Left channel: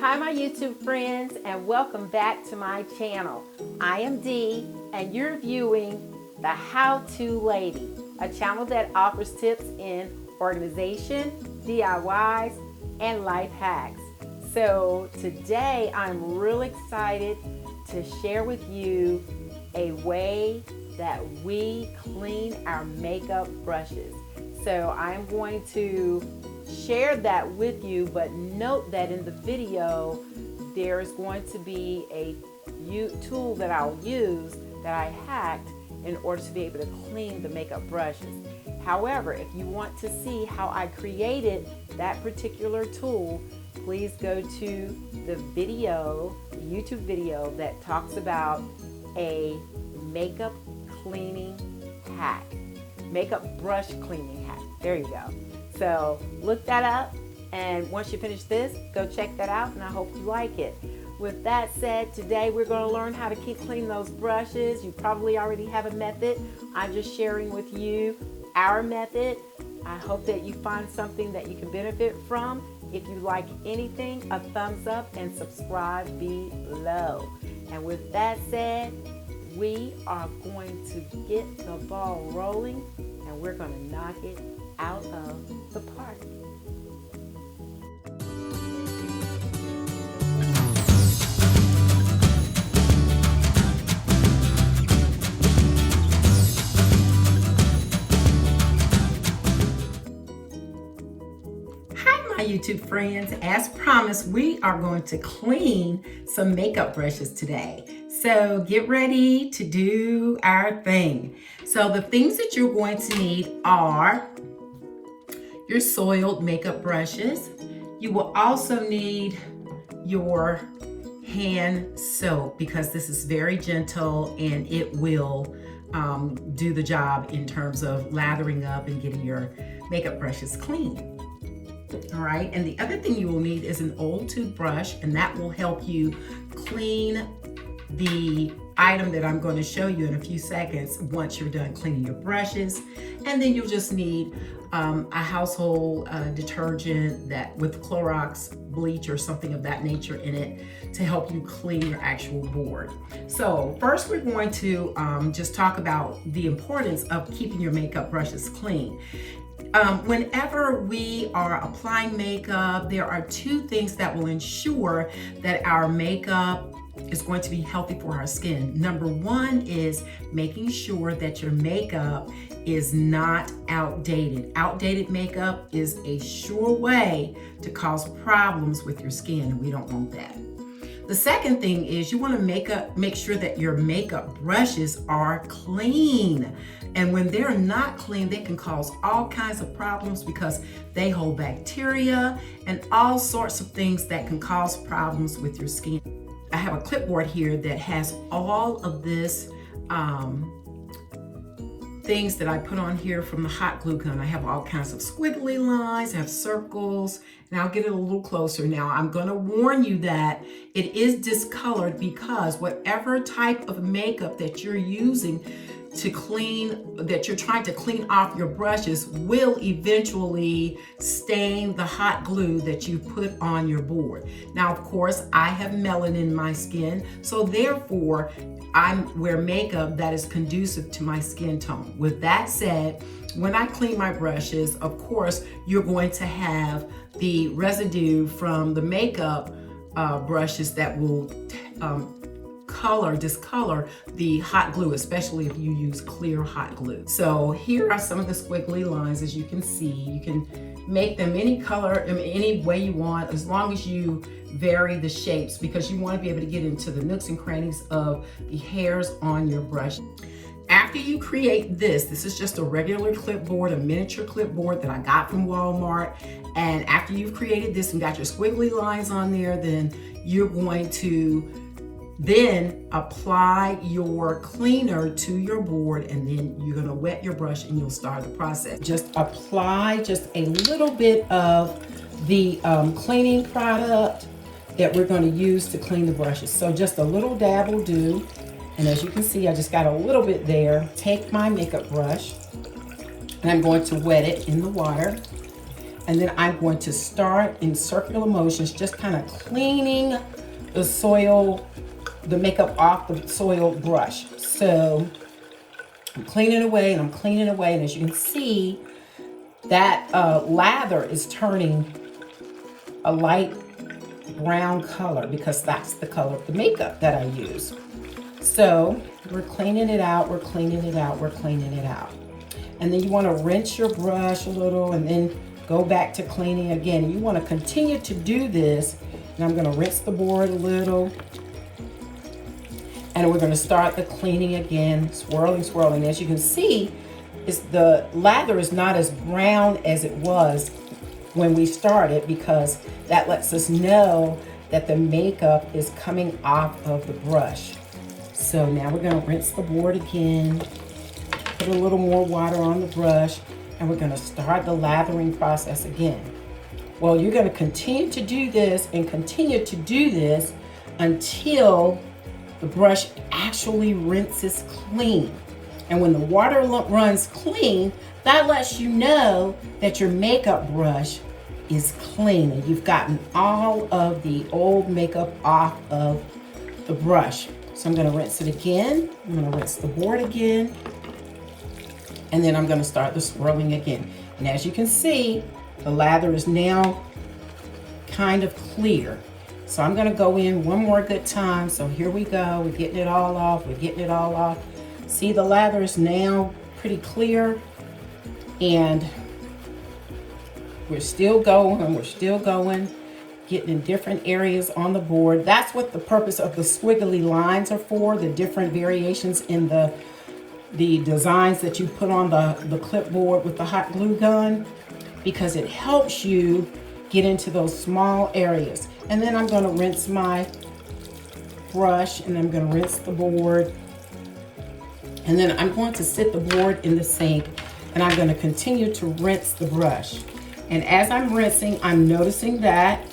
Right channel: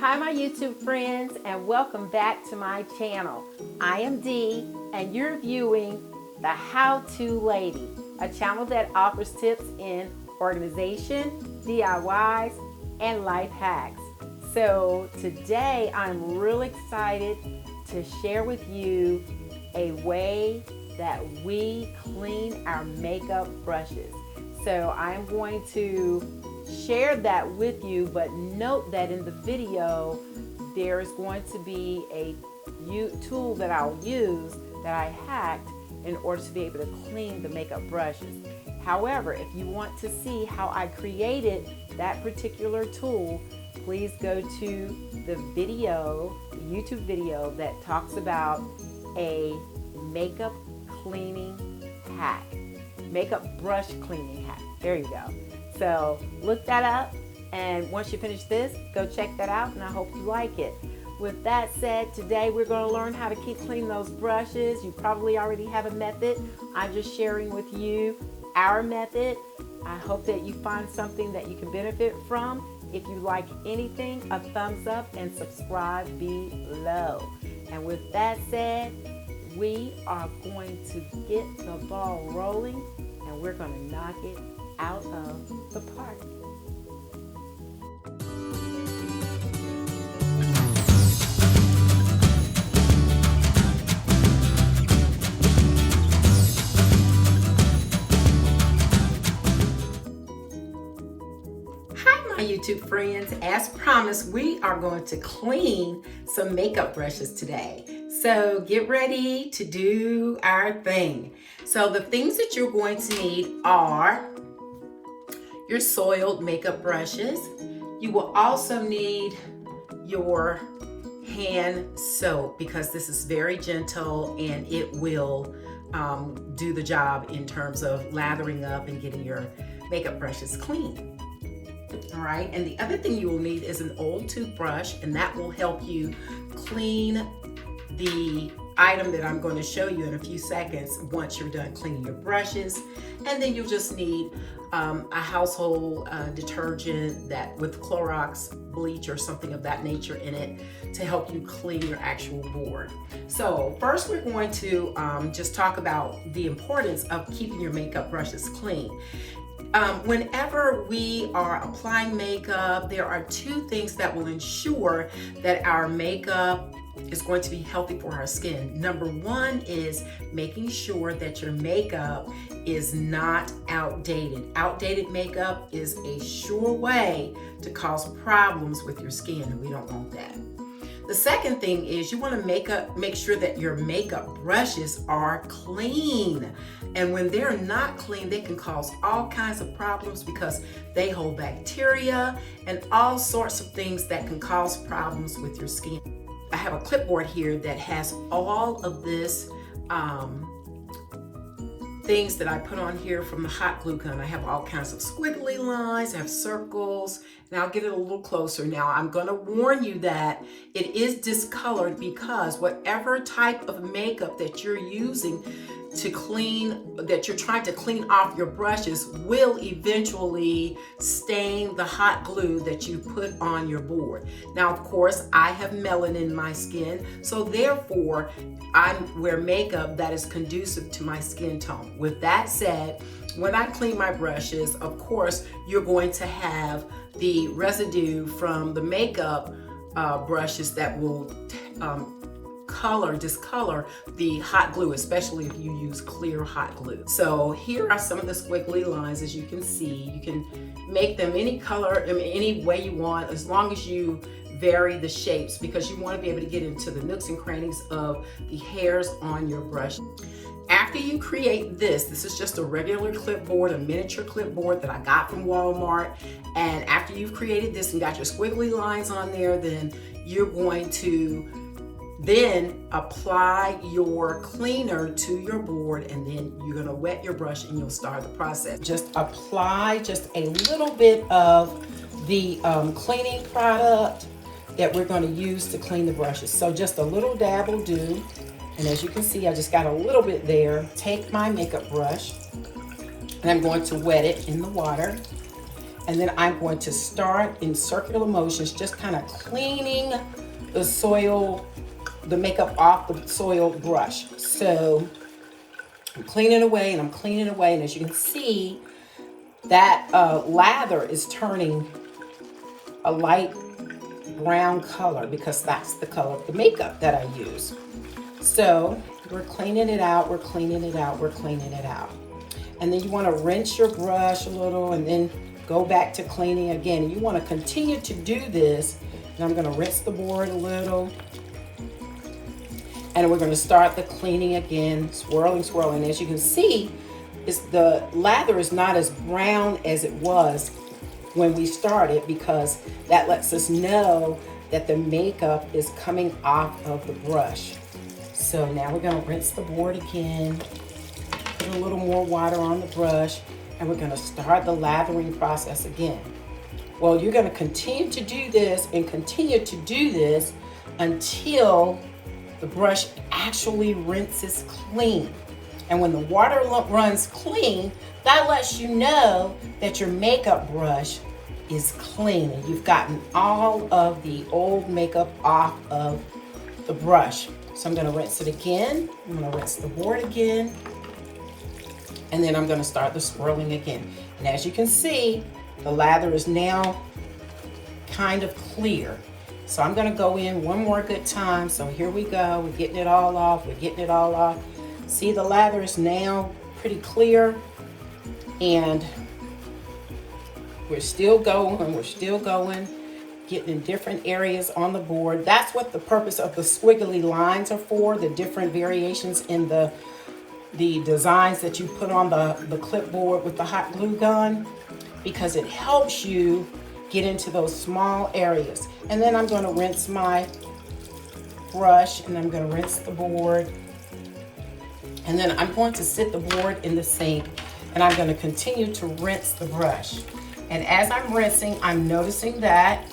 Hi my YouTube friends, and welcome back to my channel. I am Dee and you're viewing The How To Lady, a channel that offers tips in organization, DIYs, and life hacks. So today I'm really excited to share with you a way that we clean our makeup brushes. So I'm going to share that with you, but note that in the video there is going to be a tool that I'll use that I hacked in order to be able to clean the makeup brushes. However, if you want to see how I created that particular tool, please go to the video, the YouTube video that talks about a makeup cleaning hack, makeup brush cleaning hack. There you go. So look that up, and once you finish this, go check that out, and I hope you like it. With that said, today we're going to learn how to keep clean those brushes. You probably already have a method. I'm just sharing with you our method. I hope that you find something that you can benefit from. If you like anything, a thumbs up and subscribe below. And with that said, we are going to get the ball rolling, and we're going to knock it out of the park. Hi my YouTube friends, as promised we are going to clean some makeup brushes today. So get ready to do our thing. So the things that you're going to need are your soiled makeup brushes. You will also need your hand soap because this is very gentle and it will do the job in terms of lathering up and getting your makeup brushes clean. All right, and the other thing you will need is an old toothbrush, and that will help you clean the item that I'm going to show you in a few seconds once you're done cleaning your brushes. And then you'll just need a household detergent that with Clorox bleach or something of that nature in it to help you clean your actual board. So first we're going to just talk about the importance of keeping your makeup brushes clean. Whenever we are applying makeup, there are two things that will ensure that our makeup is going to be healthy for our skin. Number one is making sure that your makeup is not outdated. Outdated makeup is a sure way to cause problems with your skin, and we don't want that. The second thing is you want to make sure that your makeup brushes are clean. And when they're not clean, they can cause all kinds of problems because they hold bacteria and all sorts of things that can cause problems with your skin. I have a clipboard here that has all of this things that I put on here from the hot glue gun. I have all kinds of squiggly lines, I have circles, and I'll get it a little closer. Now I'm going to warn you that it is discolored because whatever type of makeup that you're using to clean, that you're trying to clean off your brushes will eventually stain the hot glue that you put on your board. Now, of course, I have melanin in my skin, so therefore I wear makeup that is conducive to my skin tone. With that said, when I clean my brushes, of course, you're going to have the residue from the makeup brushes that will discolor the hot glue, especially if you use clear hot glue. So here are some of the squiggly lines. As you can see, you can make them any color, any way you want, as long as you vary the shapes, because you want to be able to get into the nooks and crannies of the hairs on your brush. After you create this is just a regular clipboard, a miniature clipboard that I got from Walmart. And after you've created this and got your squiggly lines on there, then you're going to apply your cleaner to your board, and then you're going to wet your brush and you'll start the process. Just apply just a little bit of the cleaning product that we're going to use to clean the brushes. So just a little dab will do. And as you can see, I just got a little bit there. Take my makeup brush and I'm going to wet it in the water. And then I'm going to start in circular motions, just kind of cleaning the soil, the makeup off the soil brush. So I'm cleaning away and I'm cleaning away. And as you can see, that lather is turning a light brown color because that's the color of the makeup that I use. So we're cleaning it out, we're cleaning it out, we're cleaning it out. And then you want to rinse your brush a little and then go back to cleaning again. And you want to continue to do this. And I'm going to rinse the board a little. And we're going to start the cleaning again, swirling, swirling. As you can see, the lather is not as brown as it was when we started, because that lets us know that the makeup is coming off of the brush. So now we're going to rinse the board again, put a little more water on the brush, and we're going to start the lathering process again. Well, you're going to continue to do this and continue to do this until the brush actually rinses clean. And when the water runs clean, that lets you know that your makeup brush is clean and you've gotten all of the old makeup off of the brush. So I'm going to rinse it again. I'm going to rinse the board again. And then I'm going to start the swirling again. And as you can see, the lather is now kind of clear. So I'm going to go in one more good time. So here we go. We're getting it all off. We're getting it all off. See, the lather is now pretty clear. And we're still going. We're still going. Getting in different areas on the board. That's what the purpose of the squiggly lines are for. The different variations in the designs that you put on the clipboard with the hot glue gun, because it helps you get into those small areas. And then I'm going to rinse my brush and I'm going to rinse the board. And then I'm going to sit the board in the sink and I'm going to continue to rinse the brush. And as I'm rinsing, I'm noticing that,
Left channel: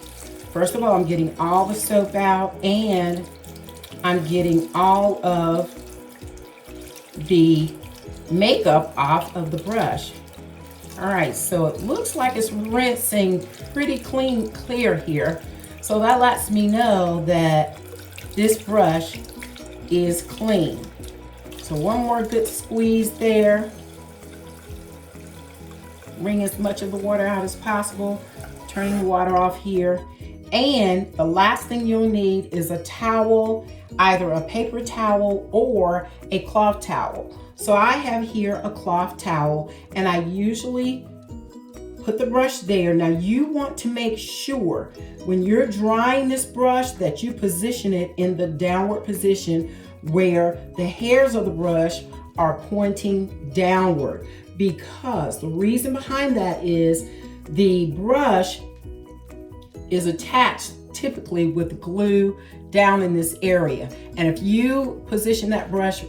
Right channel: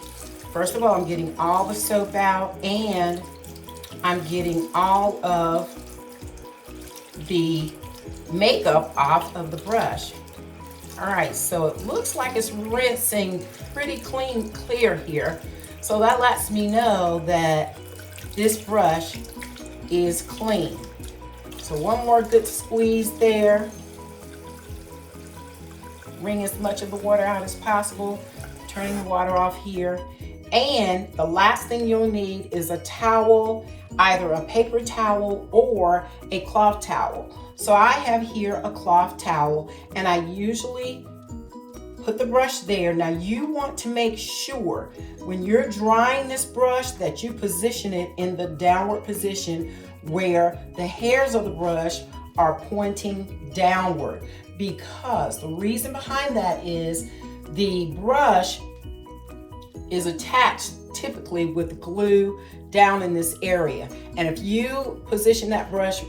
first of all, I'm getting all the soap out and I'm getting all of the makeup off of the brush. All right, so it looks like it's rinsing pretty clear here. So that lets me know that this brush is clean. So one more good squeeze there. Wring as much of the water out as possible. Turning the water off here. And the last thing you'll need is a towel, either a paper towel or a cloth towel. So I have here a cloth towel and I usually put the brush there. Now you want to make sure when you're drying this brush that you position it in the downward position where the hairs of the brush are pointing downward, because the reason behind that is the brush is attached typically with glue down in this area. And if you position that brush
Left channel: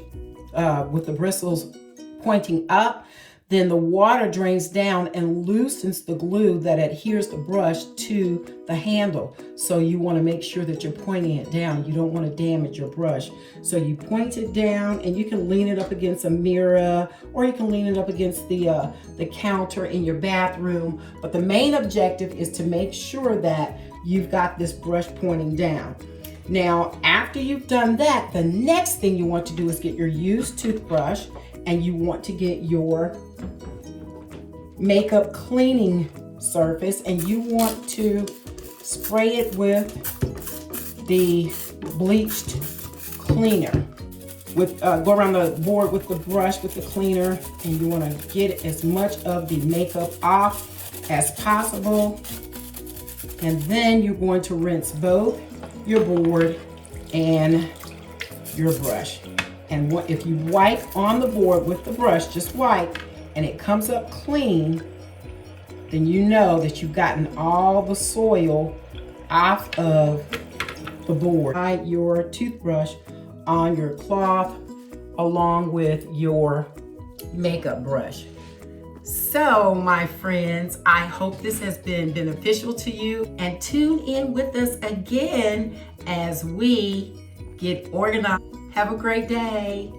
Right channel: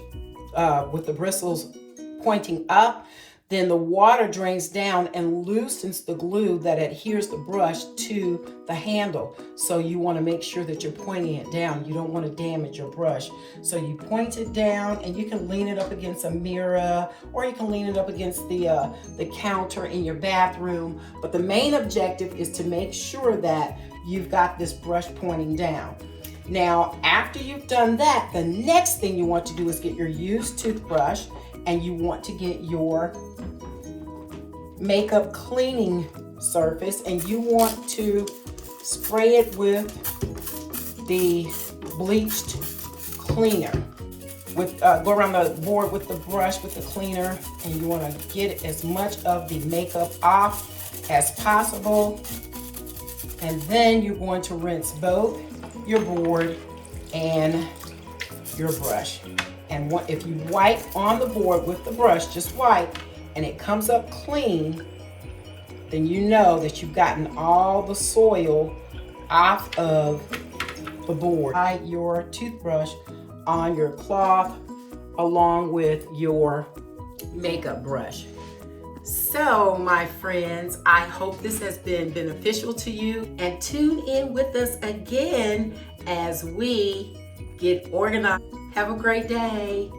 with the bristles pointing up, then the water drains down and loosens the glue that adheres the brush to the handle. So you want to make sure that you're pointing it down. You don't want to damage your brush. So you point it down and you can lean it up against a mirror or you can lean it up against the counter in your bathroom. But the main objective is to make sure that you've got this brush pointing down. Now, after you've done that, the next thing you want to do is get your used toothbrush and you want to get your makeup cleaning surface and you want to spray it with the bleached cleaner. Go around the board with the brush with the cleaner and you want to get as much of the makeup off as possible. And then you're going to rinse both your board and your brush. And if you wipe on the board with the brush, just wipe, and it comes up clean, then you know that you've gotten all the soil off of the board. Tie your toothbrush on your cloth along with your makeup brush. So, my friends, I hope this has been beneficial to you, and tune in with us again as we get organized. Have a great day.